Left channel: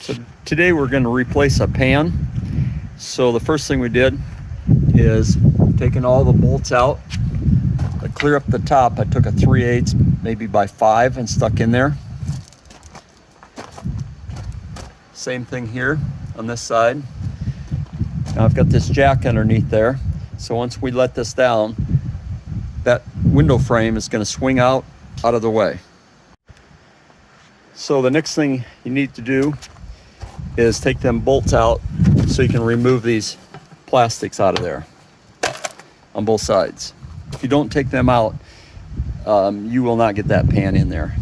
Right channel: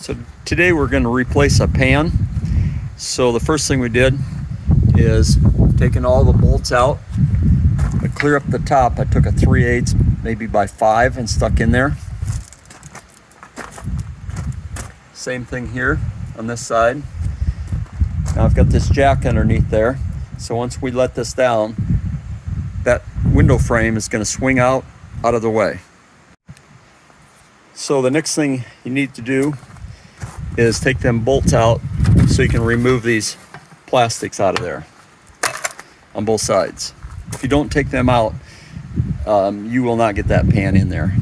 So today we're going to replace a pan. So the first thing we did is taking all the bolts out. I clear up the top. I took a 3/8 maybe by 5 and stuck in there. Same thing here on this side. Now I've got this jack underneath there. So once we let this down, that window frame is going to swing out of the way. So the next thing you need to do is take them bolts out so you can remove these plastics out of there on both sides. If you don't take them out, you will not get that pan in there.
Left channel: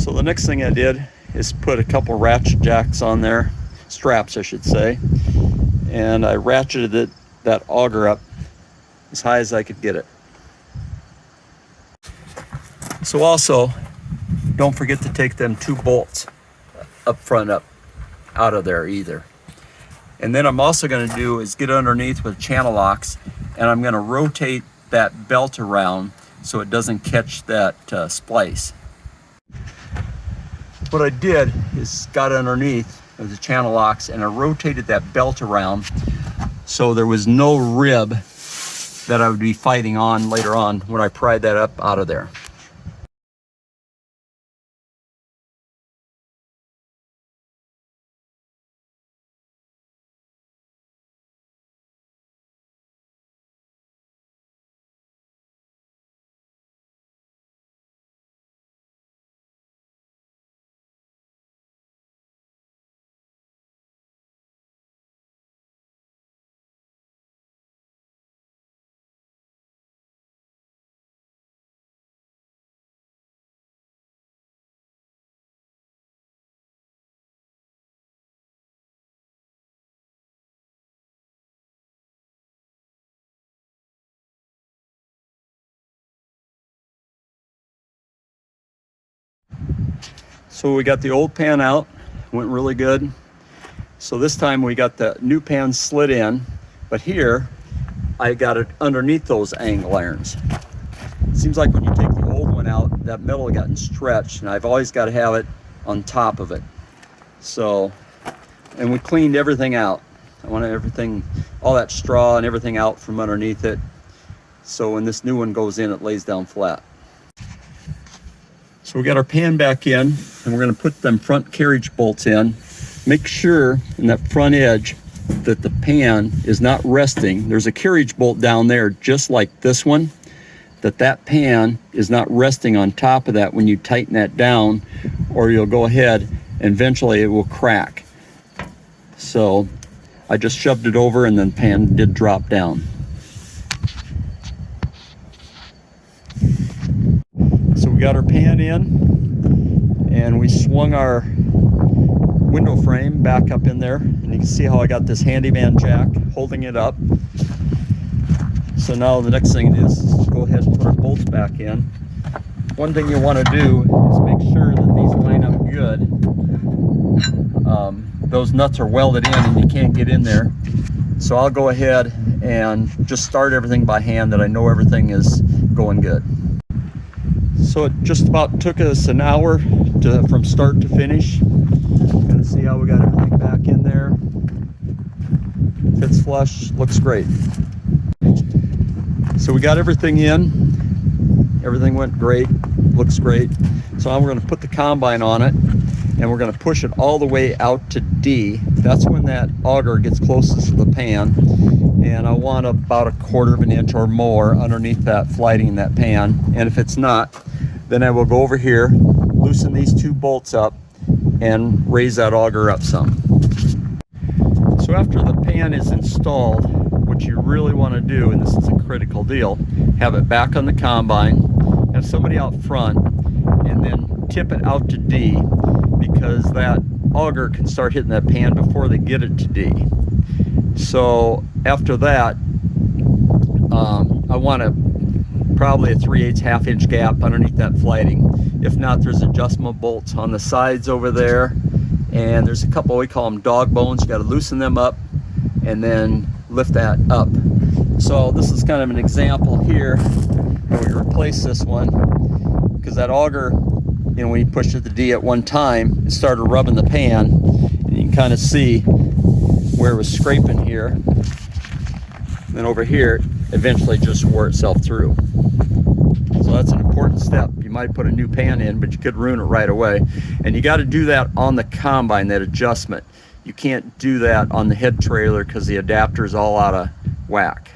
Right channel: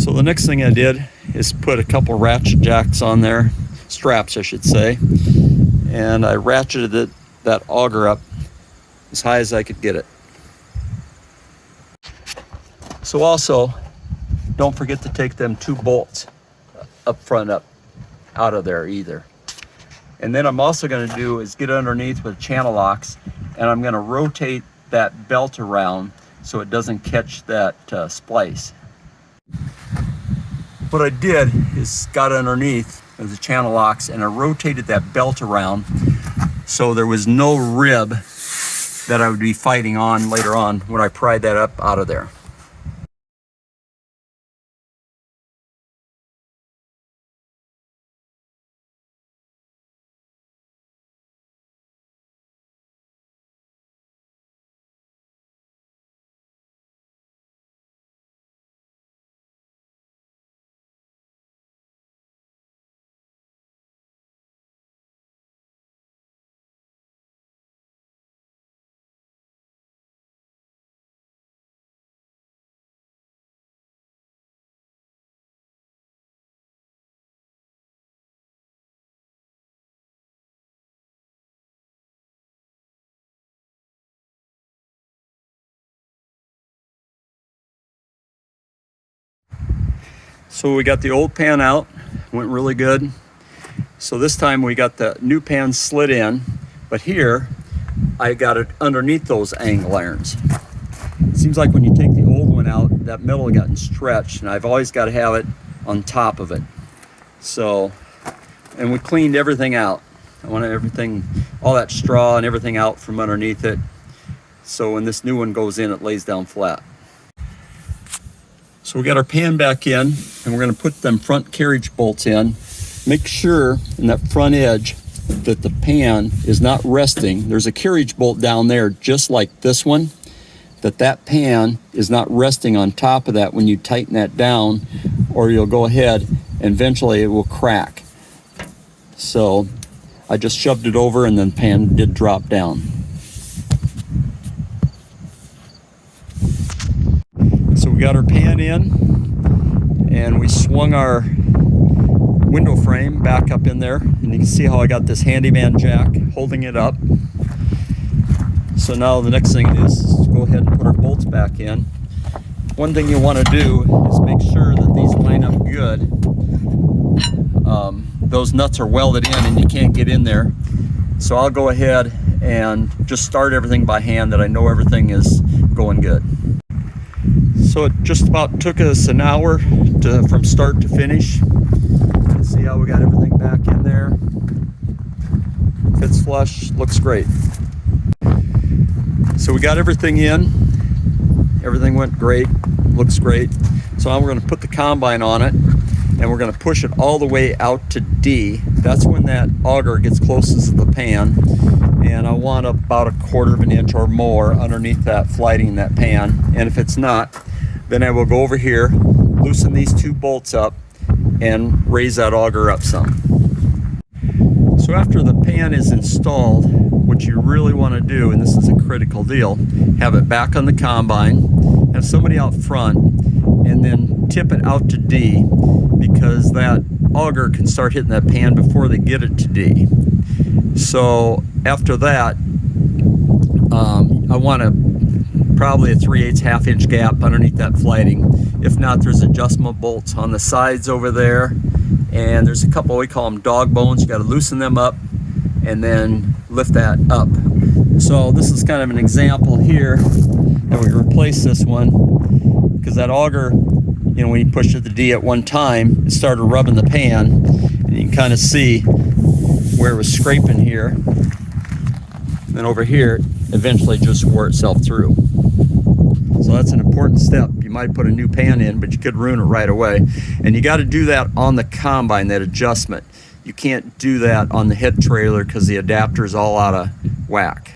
So the next thing I did is put a couple ratchet jacks on there, straps I should say, and I ratcheted that auger up as high as I could get it. So also, don't forget to take them 2 bolts up front out of there either. And then I'm also going to do is get underneath with channel locks, and I'm going to rotate that belt around so it doesn't catch that splice. What I did is got underneath with the channel locks and I rotated that belt around so there was no rib that I would be fighting on later on when I pried that up out of there. So we got the old pan out, went really good. So this time we got the new pan slid in, but here I got it underneath those angle irons. It seems like when you take the old one out, that metal had gotten stretched, and I've always got to have it on top of it. So, and we cleaned everything out. I wanted everything, all that straw and everything out from underneath it. So when this new one goes in, it lays down flat. So we got our pan back in, and we're going to put them front carriage bolts in. Make sure in that front edge that the pan is not resting. There's a carriage bolt down there just like this one, that pan is not resting on top of that when you tighten that down, or you'll go ahead and eventually it will crack. So I just shoved it over and then pan did drop down. So we got our pan in, and we swung our window frame back up in there, and you can see how I got this handyman jack holding it up. So now the next thing is to go ahead and put our bolts back in. One thing you want to do is make sure that these line up good. Those nuts are welded in and you can't get in there. So I'll go ahead and just start everything by hand that I know everything is going good. So it just about took us an hour from start to finish. Kind of see how we got everything back in there. Fits flush, looks great. So we got everything in. Everything went great, looks great. So now we're going to put the combine on it, and we're going to push it all the way out to D. That's when that auger gets closest to the pan. And I want about 1/4 of an inch or more underneath that flighting that pan. And if it's not, then I will go over here, loosen these 2 bolts up, and raise that auger up some. So after the pan is installed, what you really want to do, and this is a critical deal, have it back on the combine, have somebody out front, and then tip it out to D, because that auger can start hitting that pan before they get it to D. So after that, I want probably a 3/8 1/2-inch gap underneath that flighting. If not, there's adjustable bolts on the sides over there, and there's a couple, we call them dog bones. You got to loosen them up and then lift that up. So this is kind of an example here, and we replace this one because that auger you know, when you push at the D at one time, it started rubbing the pan, and you can kind of see where it was scraping here. And then over here, eventually just wore itself through. So that's an important step. You might put a new pan in, but you could ruin it right away. And you got to do that on the combine, that adjustment. You can't do that on the head trailer because the adapter is all out of whack.